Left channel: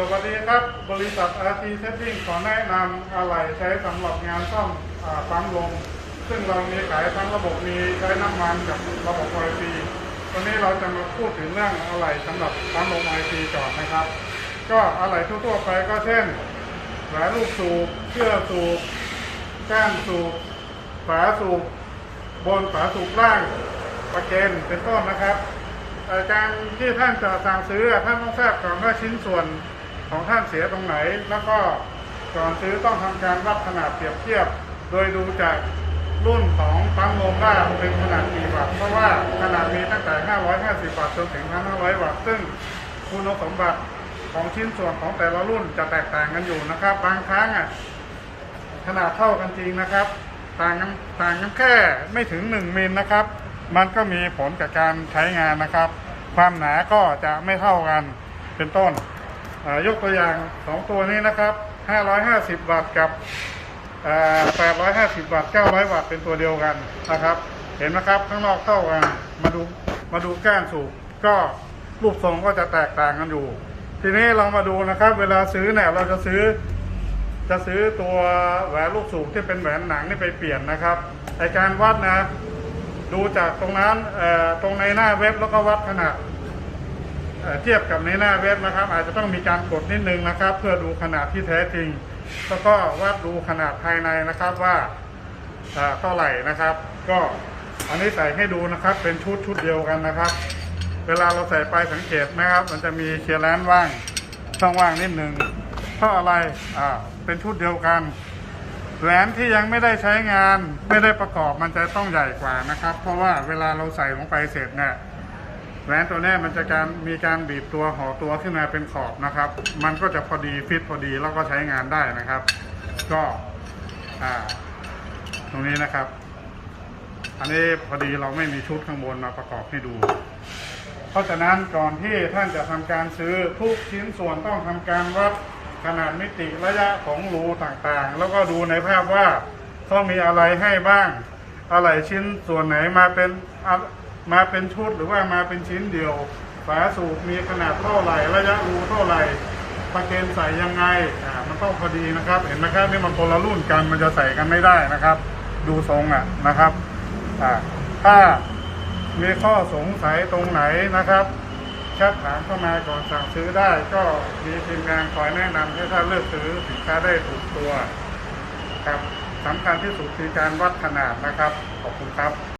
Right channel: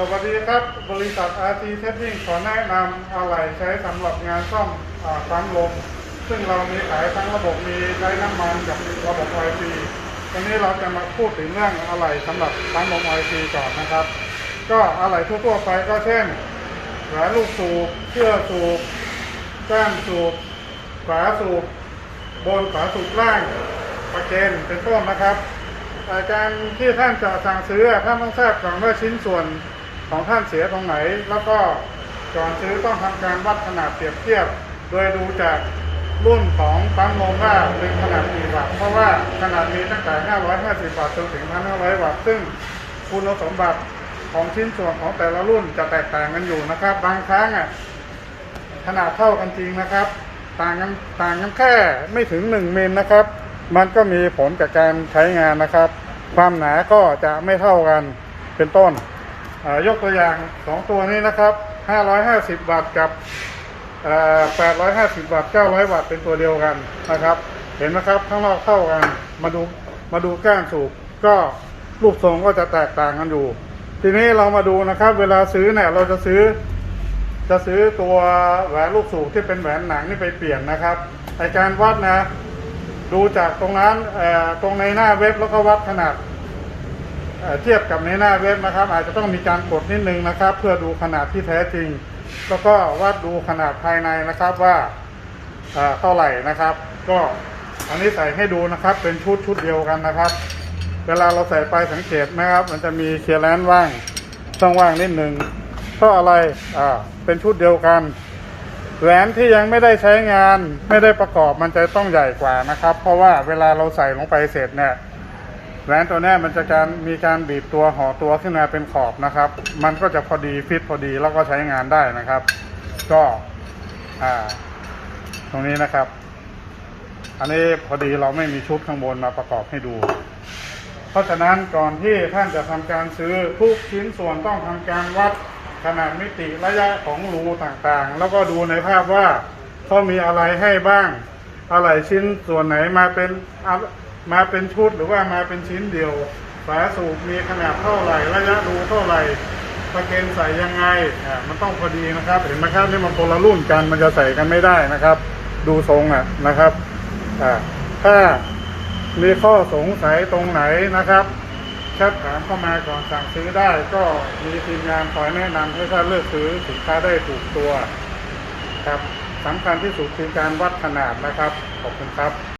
สวัสดีครับ บริษัท RT Setting ขอแนะนำอะไหล่ใช้สำหรับงานซ่อมปั๊มลม ซึ่งเรามีขายทั้งระบบมีใช้น้ำมันกับระบบ OIC วันนี้เราจะมาพูดถึงเรื่องอะไหล่สำหรับปั๊มลม OIC ก่อนนะครับ ก็อะไหล่ทั่วๆไปก็เช่นแหวนลูกสูบเชือกสูบก้านสูบฝาสูบบนฝาสูบล่างประเกนเป็นต้นนะครับการที่ท่านจะสั่งซื้อท่านต้องทราบก่อนว่าชิ้นส่วน ของท่านเสียตรงไหน แล้วก็ก่อนซื้อต้องทำการวัดขนาดเปรียบเทียบ โดยดูจากรุ่นของปั๊มลมว่าเป็นขนาดกี่วัตต์เพราะว่าขนาดนี้ตั้งแต่ 550 วัตต์จนถึง 1,500 วัตต์ซึ่งคุณสมบัติของชิ้นส่วนของแต่ละรุ่นจะแตกต่างกันอยู่นะครับ บางครั้งอะขนาดเท่ากันจริงนะครับ ต่างกันต่างกันแค่ไม่ถึง 1มิลนะครับ มันก็มีผลจากการใช้งานนะครับ ความหนาก็จะไม่เท่ากันเป็นต้น ยกตัวอย่าง 2 ตัวนี้นะครับ 550 วัตต์กับเอ่อ850 วัตต์ 900 วัตต์เป็นตัวเดียวกันนะครับ เห็นไหมครับข้างนอกเท่ากัน มาดูมาดูก้านสูบก็รูปทรงก็จะแตกต่างกันอยู่ ทีนี้เรามาดูนะครับ เวลาซื้อเนี่ยเราจะซื้อ จะซื้อตัวแหวนลูกสูบที่เป็นแหวนหนังนี่ไปเปลี่ยนนะครับไอการวัดนะ ดูจากตรงนั้นตรงในหน้าเว็บแล้วก็วัดขนาด เทียบกับในหน้าเว็บนะครับ อาจจะต้องมีการกดนิดนึงนะครับ เพื่อดูขนาดที่แท้จริง แล้วก็วัดดูขนาดภายในนะครับว่าเอ่อเท่าไหร่นะครับ ก็อันนี้ใส่ให้ดูนะครับ เป็นชุดชุดเดียวกันนะครับ เวลาเราใส่ไปสังเกตนะครับ มันจะมีเคลียร์แลนว่างช่องว่างนิดหนึ่งเพราะอะไรอ่าเป็นชุดเดียวกันแหวนที่ยังไม่ได้ใช้งานไม่ได้ประกอบมันจะต้องใหญ่กว่านะครับ เพราะว่าเวลาเราใส่ลงไปเสร็จเนี่ย แหวนตัวเนี้มันจะการมีการบีบตัวห่อตัวขึ้นมาเป็นขอบนะครับ มันก็จะพอดีฟิตพอดีแล้วก็ใช้งานได้นะครับ ก็อ่าตรงนี้นะครับ อันนี้พอดีเราไม่มีชุดข้างบนมาประกอบให้ดู เพราะฉะนั้นก่อนที่ท่านจะทำการซื้อทุกชิ้นส่วนต้องทำการวัดขนาดมิติระยะของรูต่างๆ แล้วก็ดูในภาพว่าเขามีอะไรให้บ้าง อะไรชิ้นส่วนไหนมาเป็น มาเป็นชุดหรือว่ามาเป็นชิ้นเดียว ฝาสูบมีขนาดเท่าไหร่ ระยะรูเท่าไหร่ประเกนใส่ยังไงอ่ามันต้องพอดีนะครับเห็นไหมครับนี่มันคนละรุ่นกันมันจะใส่กันไม่ได้นะครับ ดูทรงอะนะครับอ่าถ้ามีข้อสงสัยตรงไหนนะครับแคปถามเข้ามาก่อนสั่งซื้อได้ ก็มีทีมงานคอยแนะนำให้ท่านเลือกซื้อสินค้าได้ถูกตัวครับสำคัญที่สุดคือการวัดขนาดนะครับ ขอบคุณครับ